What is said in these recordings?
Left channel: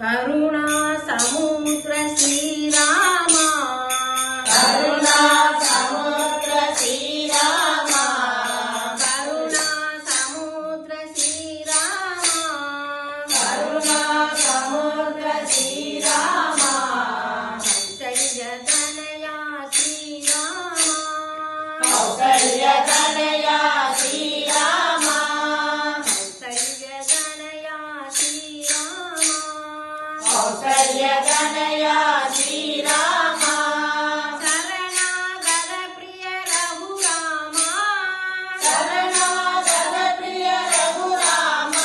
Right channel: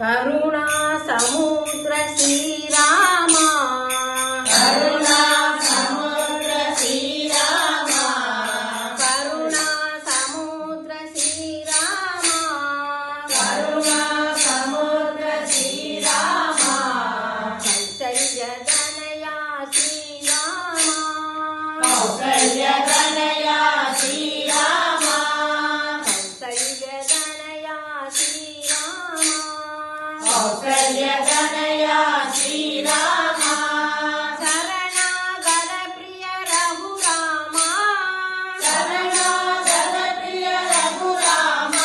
కరుణా సముద్ర శ్రీరామ కరుణా సముద్ర శ్రీరామ కరుణా సముద్ర శ్రీరామ కరుణా సముద్ర శ్రీరామ కౌసల్య తనయా శ్రీరామ కౌసల్య తనయా శ్రీరామ కౌసల్య తనయా శ్రీరామ కౌసల్య తనయా శ్రీరామ శరణాగత ప్రియ రఘురామ శరణాగత ప్రియ రఘురామ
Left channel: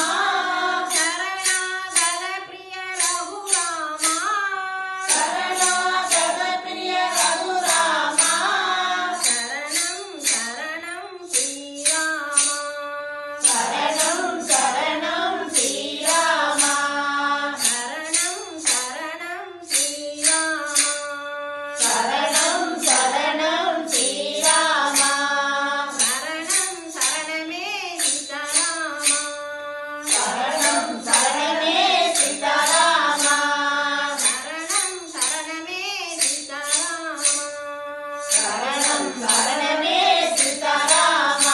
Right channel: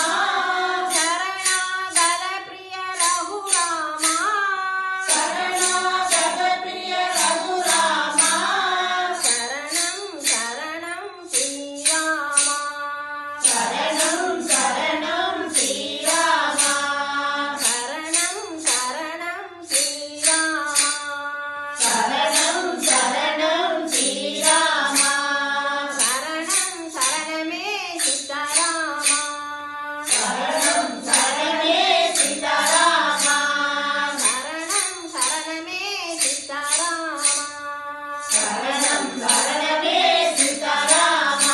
శరణాగత ప్రియ రఘురామ శరణాగత ప్రియ రఘురామ శరణం శరణం శ్రీరామ శరణం శరణం శ్రీరామ శరణం శరణం శ్రీరామ శరణం శరణం శ్రీరామ శరణం శరణమే సీతారామ శరణం శరణే సీతారామ శరణం శరణమే సీతారామ శరణం శరణమే సీతారామ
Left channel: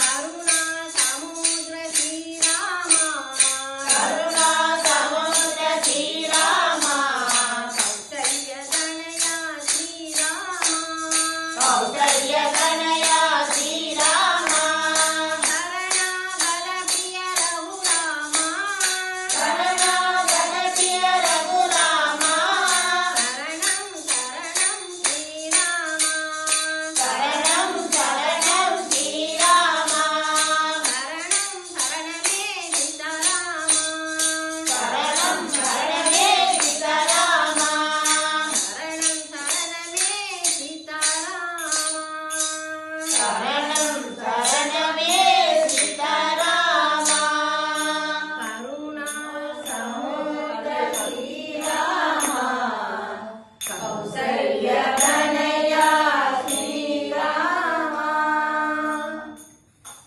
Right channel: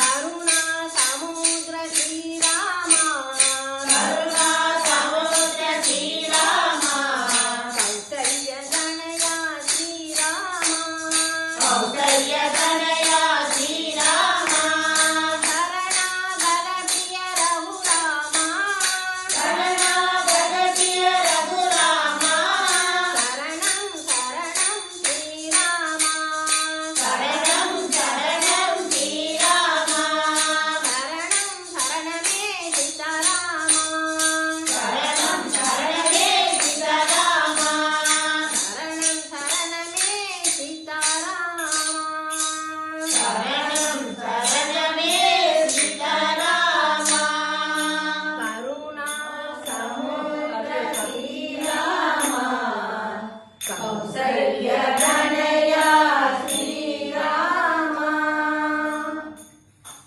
కరుణా సముద్ర శ్రీరామ కరుణా సముద్ర శ్రీరామ కౌసల్య తనయా శ్రీరామ కౌసల్య తనయా శ్రీరామ శరణాగత ప్రియ రఘురామ శరణాగత ప్రియ రఘురామ శరణం శరణం శ్రీరామ శరణం శరణం శ్రీరామ శరణం శరణమే సీతారామ శరణం శరణమే సీతారామ శరణం శరణమే సీతారామ శరణం శరణమే సీతారామ కరుణా సముద్ర శ్రీరామ కౌసల్య